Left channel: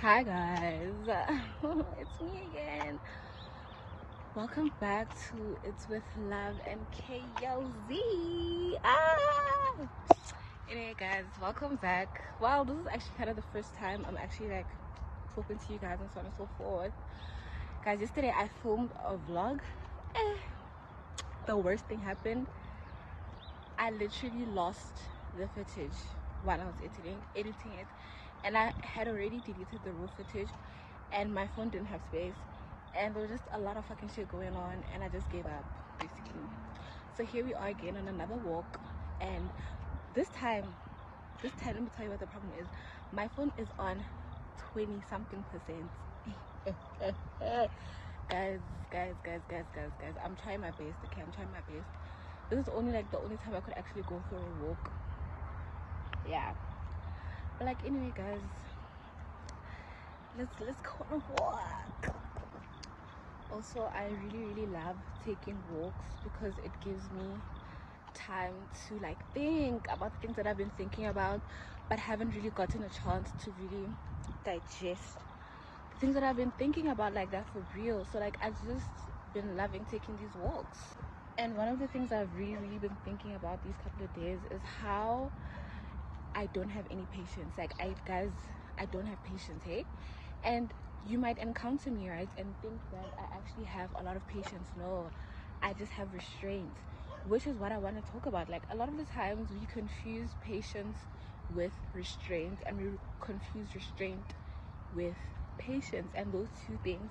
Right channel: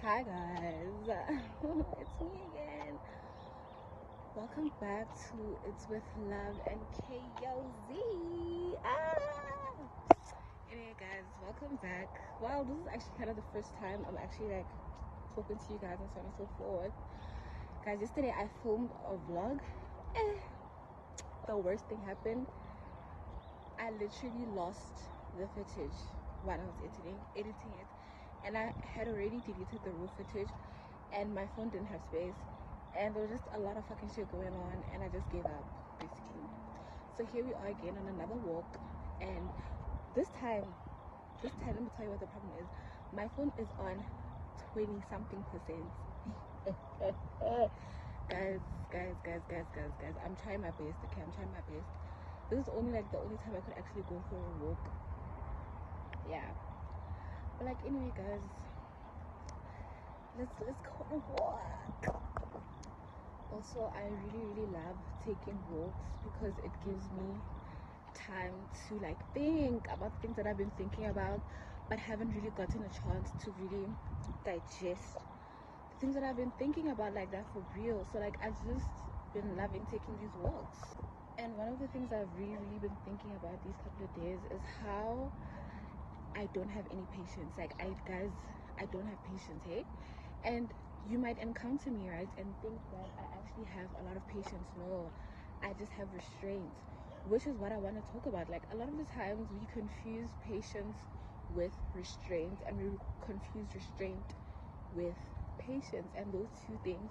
Hi guys, it's me again. Welcome back to It's With Love and KOZ. Anyway guys, welcome back. Wow, this is actually kind of the first time I'm actually like talking to you guys and so on and so forth. Guys, yesterday I filmed a vlog. The worst thing happened. I literally lost the footage while I was editing it, and I had already deleted the raw footage, and my phone didn't have space, and there was just a lot of fucking shit going on, and I just gave up basically. So here we are again on another walk, and this time let me tell you what the problem is. My phone is on 20 something percent. guys, I'm trying my best. Okay, I'm trying my best. This is only like the only time I could actually go for a walk. Yeah, but like anyway guys, let's go on a walk. Also, I really love taking walks because it gives me time to like think about things that I've been thinking about but haven't really gotten a chance to really digest things that I've been thinking about like that for real. So like I've just been loving taking these walks. And one of the things I've really been thinking about these couple of days is how I don't have any patience. Like I don't have patience, hey? And you might encounter me, right, and think that I actually have a lot of patience. No, I just have restraint, which is what I want to talk about. Like a lot of the times we confuse patience with restraint, and we confuse restraint with patience, and those two things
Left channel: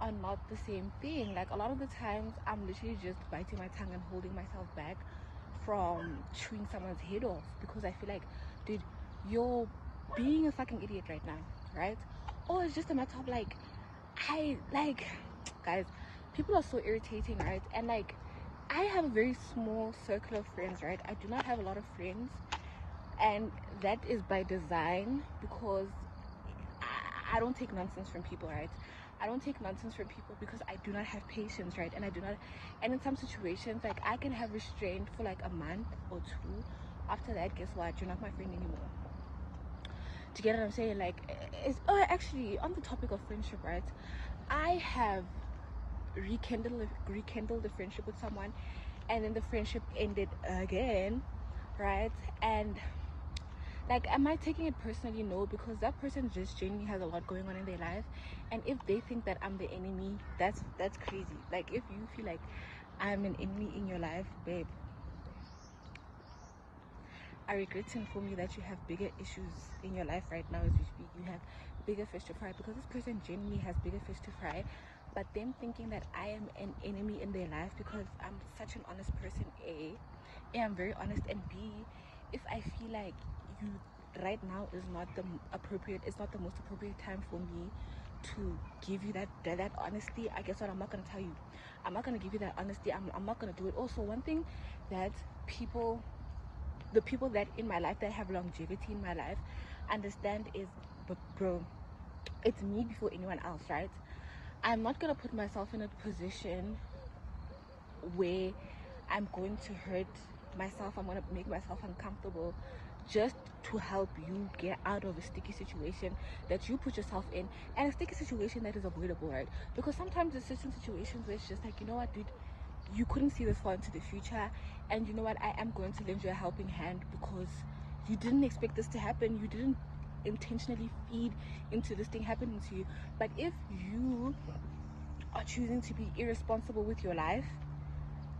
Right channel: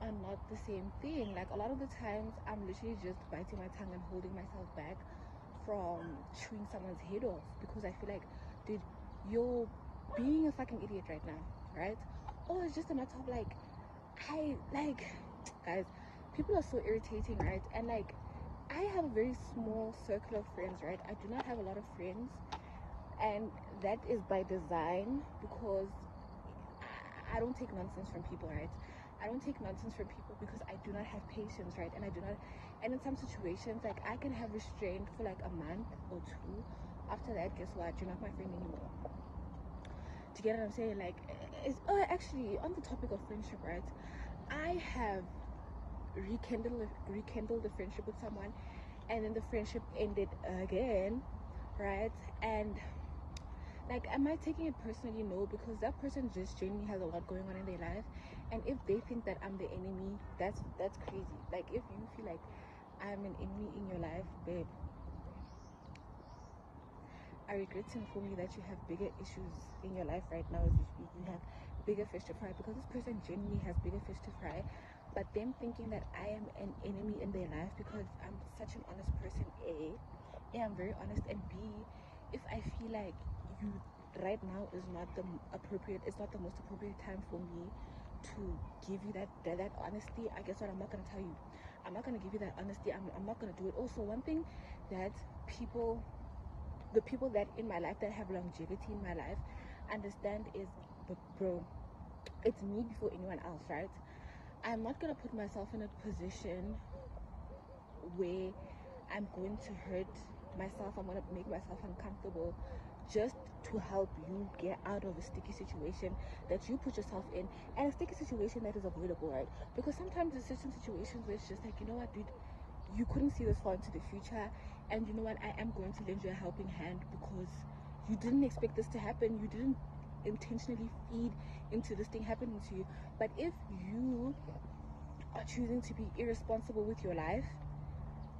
are not the same thing. Like a lot of the times I'm literally just biting my tongue and holding myself back from chewing someone's head off because I feel like, dude, you're being a fucking idiot right now, right? Or it's just a matter of like, guys, people are so irritating, right? And like, I have a very small circle of friends, right? I do not have a lot of friends, and that is by design because I don't take nonsense from people, right? I don't take nonsense from people because I do not have patience, right? And in some situations, like I can have restraint for like a month or two. After that, guess what? You're not my friend anymore. Do you get what I'm saying? Like, actually, on the topic of friendship, right? I have rekindled the friendship with someone, and then the friendship ended again, right? And like, am I taking it personally? No, because that person just genuinely has a lot going on in their life, and if they think that I'm the enemy, that's crazy. Like, if you feel like I'm an enemy in your life, babe, I regret to inform you that you have bigger issues in your life right now as we speak. You have bigger fish to fry because this person genuinely has bigger fish to fry. But them thinking that I am an enemy in their life because I'm such an honest person, A, I'm very honest, and B, if I feel like you right now is not the appropriate, it's not the most appropriate time for me to give you that honesty, I guess what, I'm not going to tell you. I'm not going to give you that honesty. I'm not going to do it. Also, one thing that the people that in my life that have longevity in my life understand is, but bro, it's me before anyone else, right? I'm not gonna put myself in a position where I'm going to hurt myself. I'm gonna make myself uncomfortable just to help you get out of a sticky situation that you put yourself in, and a sticky situation that is avoidable, right? Because sometimes there's certain situations where it's just like, you know what, dude, you couldn't see this far into the future, and you know what, I am going to lend you a helping hand because you didn't expect this to happen. You didn't intentionally feed into this thing happening to you. But if you are choosing to be irresponsible with your life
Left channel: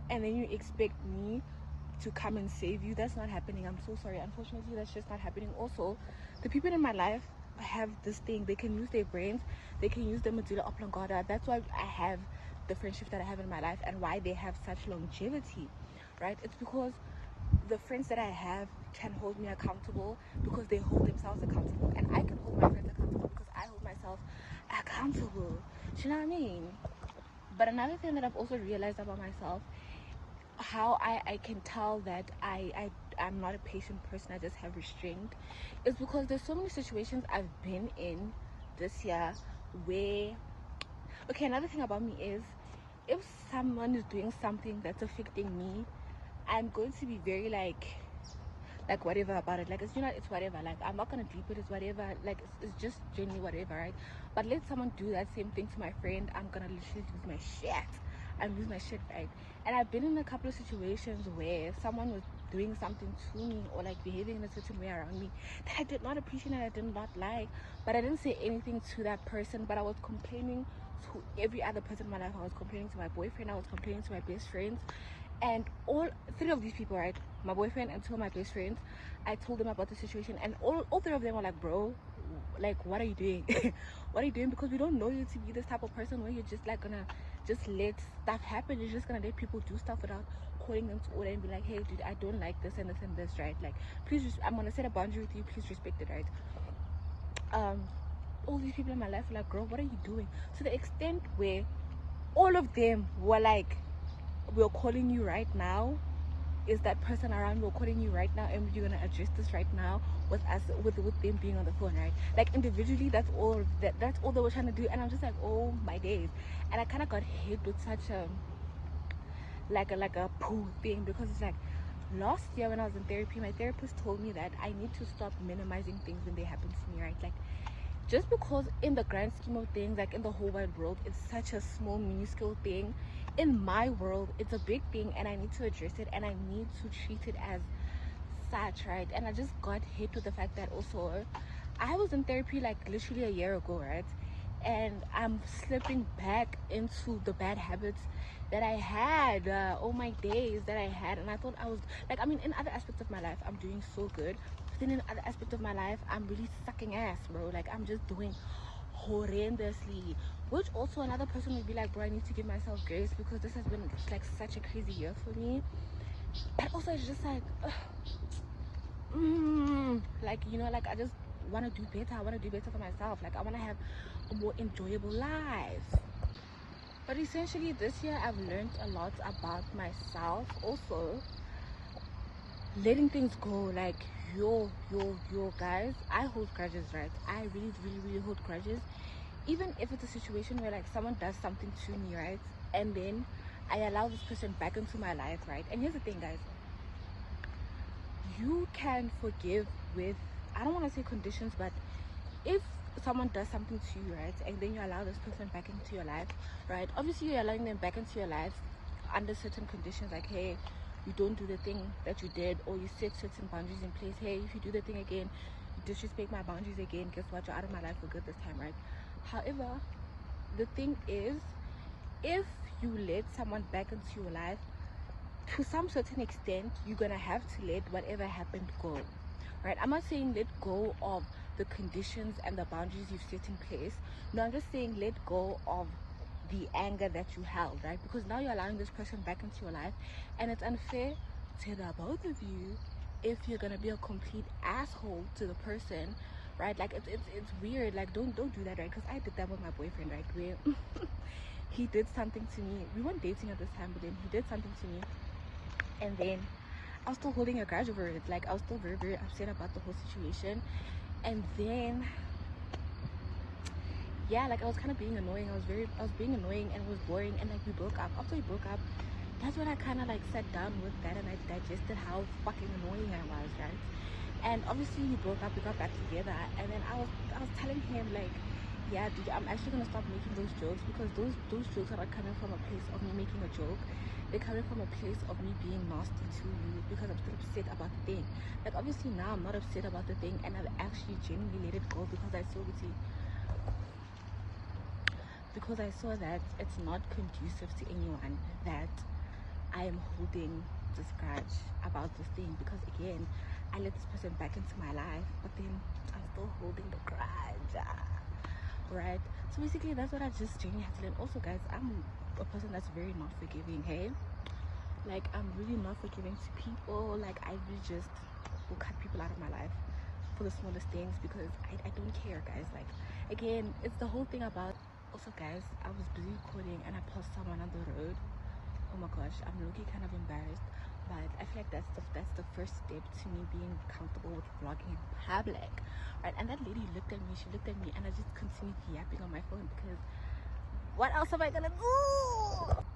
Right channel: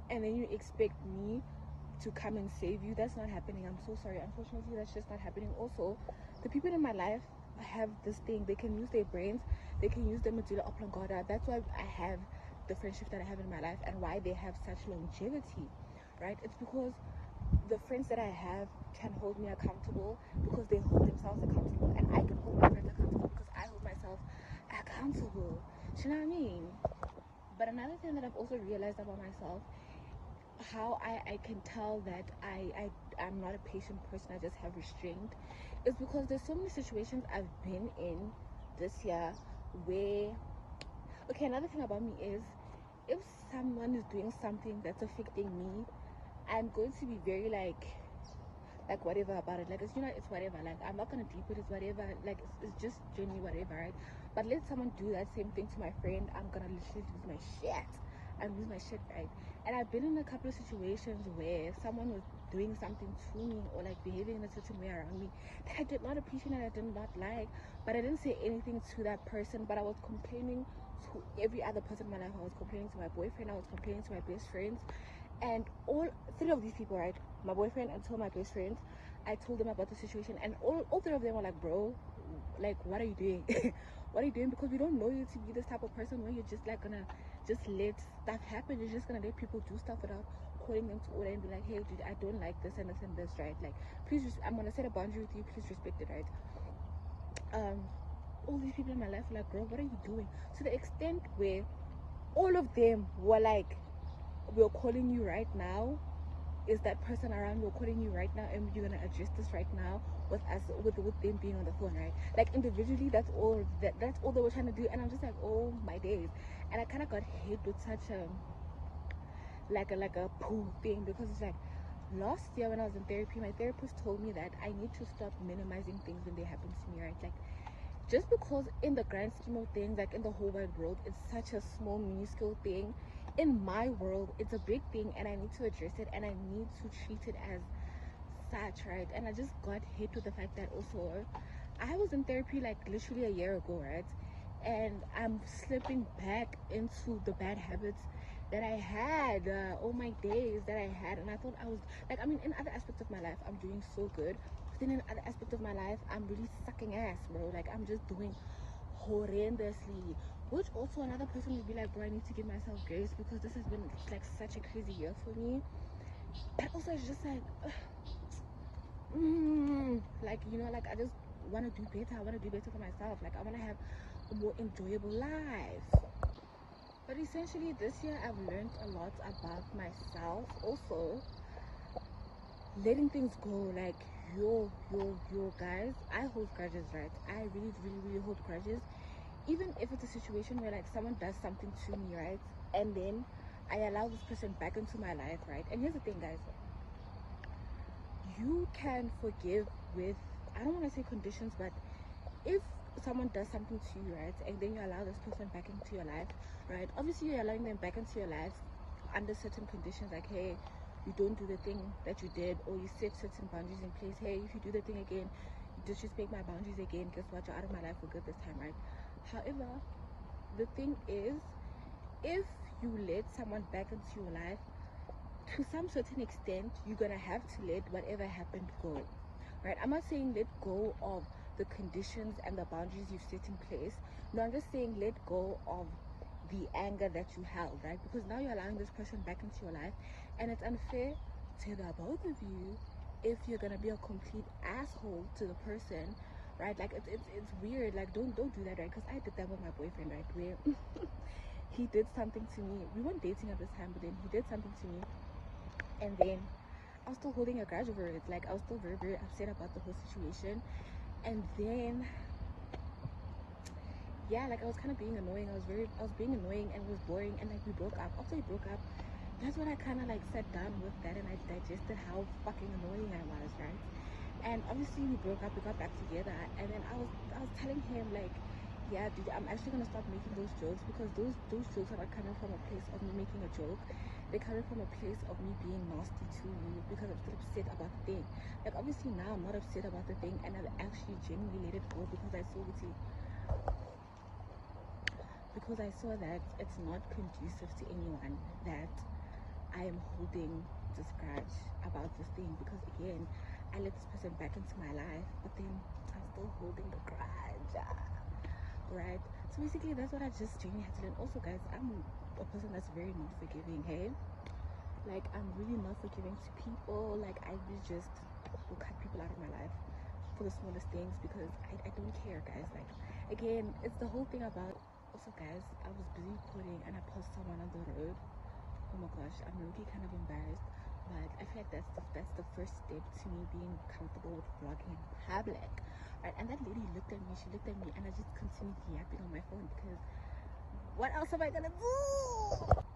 and then you expect me to come and save you, that's not happening. I'm so sorry. Unfortunately, that's just not happening. Also, the people in my life have this thing. They can use their brains, they can use their medulla oblongata. That's why I have the friendship that I have in my life and why they have such longevity, right? It's because the friends that I have can hold me accountable because they hold themselves accountable, and I can hold my friends accountable because I hold myself accountable. Do you know what I mean? But another thing that I've also realized about myself, how I can tell that I'm not a patient person, I just have restraint, is because there's so many situations I've been in this year where, okay, another thing about me is, if someone is doing something that's affecting me, I'm going to be very like, like whatever about it. Like, it's, you know, it's whatever. Like, I'm not gonna deep it, it's whatever. Like, it's just genuinely whatever, right? But let someone do that same thing to my friend, I'm gonna literally lose my shit. I lose my shit, right? And I've been in a couple of situations where someone was doing something to me or like behaving in a certain way around me that I did not appreciate and I did not like, but I didn't say anything to that person, but I was complaining to every other person in my life. I was complaining to my boyfriend, I was complaining to my best friends, and all three of these people, right, my boyfriend and two of my best friends, I told them about the situation, and all three of them were like, bro, like, what are you doing? What are you doing? Because we don't know you to be this type of person where you're just like gonna just let stuff happen. You're just gonna let people do stuff without calling them to order and be like, hey dude, I don't like this and this and this, right? Like, please, I'm gonna set a boundary with you, please respect it, right? All these people in my life were like, girl, what are you doing? To the extent where all of them were like, we're calling you right now, is that person around, we're calling you right now, and you're gonna address this right now with us, with them being on the phone, right? Like, individually, that's all they were trying to do. And I'm just like, oh my days. And I kind of got hit with such a like a poo thing, because it's like, last year when I was in therapy, my therapist told me that I need to stop minimizing things when they happen to me, right? Like, just because in the grand scheme of things, like in the whole wide world, it's such a small minuscule thing, in my world it's a big thing, and I need to address it, and I need to treat it as such, right? And I just got hit with the fact that also I was in therapy like literally a year ago, right? And I'm slipping back into the bad habits that I had, all my days that I had. And I thought I was like, I mean, in other aspects of my life I'm doing so good, but then in other aspects of my life I'm really sucking ass, bro. Like, I'm just doing horrendously, which also another person would be like, bro, I need to give myself grace, because this has been like such a crazy year for me. But also it's just like like, you know, like, I just want to do better. I want to do better for myself. Like, I want to have a more enjoyable life. But essentially this year I've learned a lot about myself. Also letting things go. Like, yo guys, I hold grudges, right? I really hold grudges. Even if it's a situation where like someone does something to me, right, and then I allow this person back into my life, right? And here's the thing, guys, you can forgive with, I don't want to say conditions, but if someone does something to you, right, and then you allow this person back into your life, right, obviously you're allowing them back into your life under certain conditions, like, hey, you don't do the thing that you did, or you set certain boundaries in place. Hey, if you do the thing again, you disrespect my boundaries again, guess what, you're out of my life for good this time, right? However, the thing is, if you let someone back into your life, to some certain extent you're gonna have to let whatever happened go, right? I'm not saying let go of the conditions and the boundaries you've set in place. No, I'm just saying let go of the anger that you held, right? Because now you're allowing this person back into your life, and it's unfair to the both of you if you're gonna be a complete asshole to the person, right? Like, it's weird. Like, don't do that, right? Because I did that with my boyfriend, right, where he did something to me. We weren't dating at this time, but then he did something to me, and then I was still holding a grudge over it. Like, I was still very upset about the whole situation. And then, yeah, like, I was kind of being annoying. I was being annoying, and it was boring. And like, we broke up. After we broke up, that's when I kind of like sat down with that, and I digested how fucking annoying I was, right? And obviously we broke up, we got back together, and then I was telling him, like, yeah dude, I'm actually gonna stop making those jokes, because those jokes are not coming from a place of me making a joke. They're coming from a place of me being nasty to you, because I'm still upset about the thing. Like, obviously now I'm not upset about the thing, and I've actually genuinely let it go, because I saw that it's not conducive to anyone that I am holding this grudge about this thing, because again, I let this person back into my life, but then I'm still holding the grudge, right? So basically that's what I just genuinely had to learn. Also guys, I'm a person that's very not forgiving, hey? Like, I'm really not forgiving to people. Like, I really just will cut people out of my life for the smallest things, because I don't care, guys. Like, again, it's the whole thing about, also guys, I was busy recording and I passed someone on the road. Oh my gosh, I'm really kind of embarrassed, but I feel like that's the first step to me being comfortable with vlogging in public, right? And that lady looked at me, and I just continued yapping on my phone, because what else am I gonna do?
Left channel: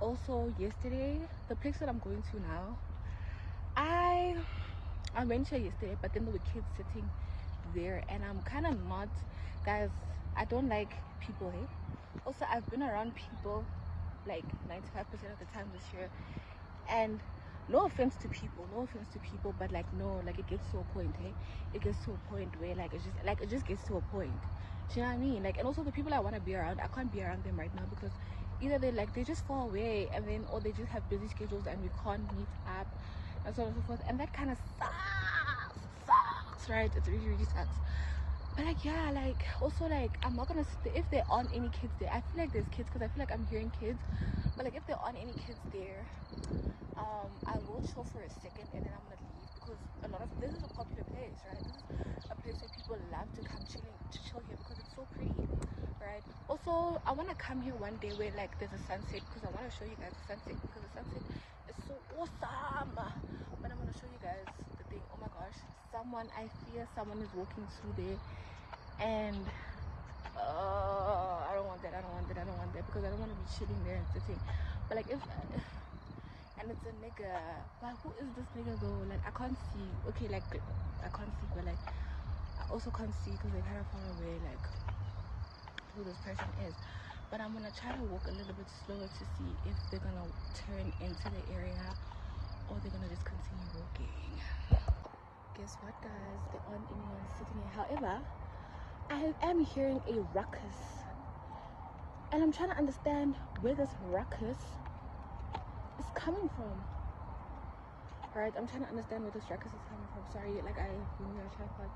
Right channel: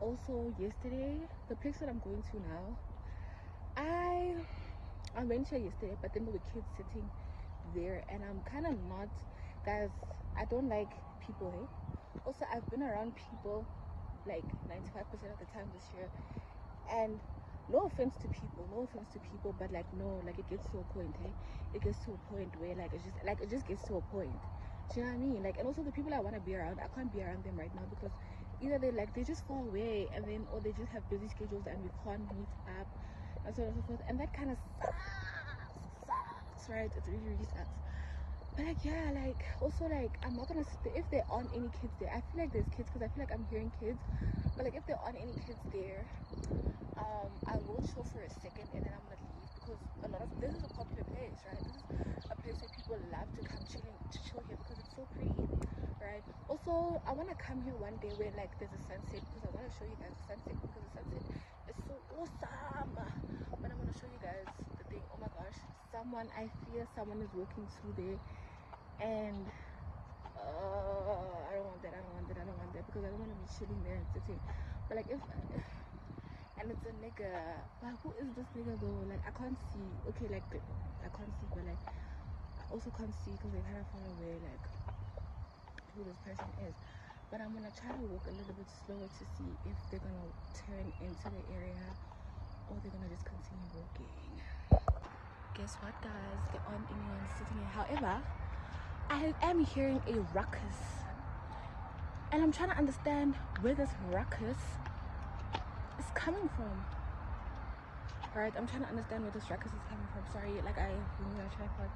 Also yesterday, the place that I'm going to now, I I went here yesterday, but then there were kids sitting there, and I'm kind of not, guys. I don't like people. Hey, also I've been around people like 95% of the time this year, and no offense to people, but like no, like it gets to a point. Hey, it gets to a point where like it just gets to a point. Do you know what I mean? Like, and also the people I want to be around, I can't be around them right now because either they're just far away, and then or they just have busy schedules and we can't meet up, and so on and so forth, and that kind of sucks, right? It really sucks. But like, yeah, like also like I'm not gonna if there aren't any kids there. I feel like there's kids because I feel like I'm hearing kids, but like if there aren't any kids there, I will chill for a second and then I'm gonna leave because a lot of this is a popular place, right? This is a place where people love to come chill here because it's so pretty, right? Also, I want to come here one day where like there's a sunset because I want to show you guys the sunset because the sunset is so awesome. But I'm gonna show you guys the thing. Oh my gosh, I fear someone is walking through there, and I don't want that because I don't want to be chilling there and sitting. But like if and it's a nigga, but who is this nigga though? Like I can't see. Okay, like I can't see, but like I also can't see because they're kind of far away, like who this person is. But I'm gonna try to walk a little bit slower to see if they're gonna turn into the area or they're gonna just continue walking. Guess what, guys? There aren't anyone sitting here. However, I am hearing a ruckus, and I'm trying to understand where this ruckus is coming from. Right, I'm trying to understand where this ruckus is coming from. Sorry, like I moved my tripod.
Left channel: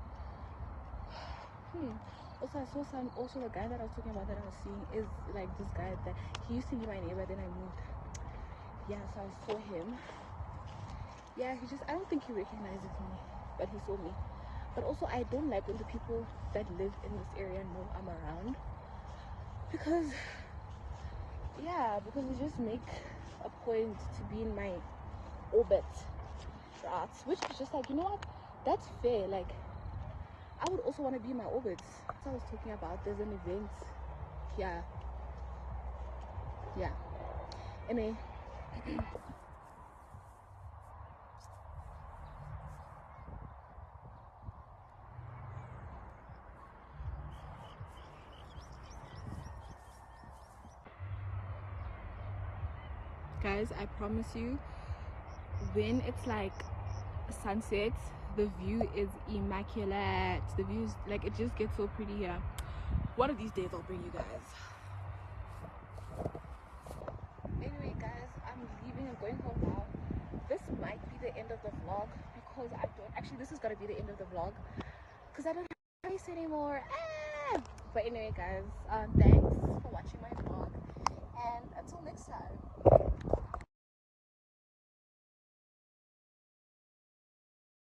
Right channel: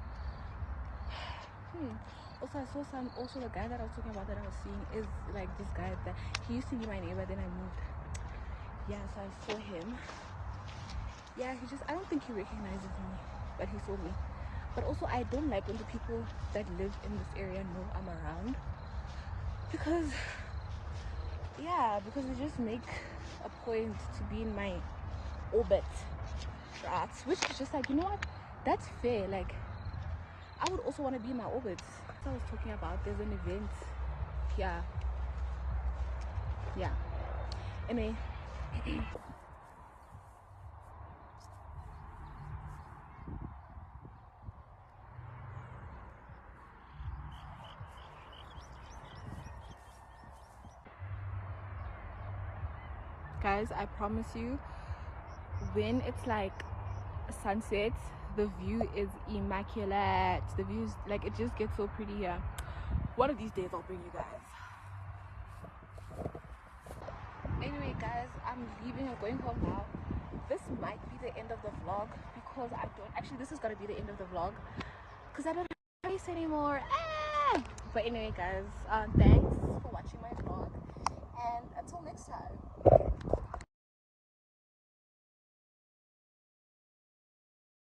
Also, I saw also the guy that I was talking about that I was seeing is like this guy that he used to be my neighbor, then I moved. Yeah, so I saw him. Yeah, I don't think he recognizes me, but he saw me. But also, I don't like when the people that live in this area know I'm around, because they just make a point to be in my orbit, right? Which is just like, you know what, that's fair. Like I would also want to be in my orbit. I was talking about, there's an event. Yeah. Anyway. Guys, I promise you, when it's like sunset, the view is immaculate. The views, like, it just gets so pretty here. One of these days I'll bring you guys. Anyway guys, I'm leaving. I'm going home now. This might be the end of the vlog because I don't actually, this is gonna be the end of the vlog because I don't have face anymore. But anyway guys, thanks for watching my vlog, and until next time.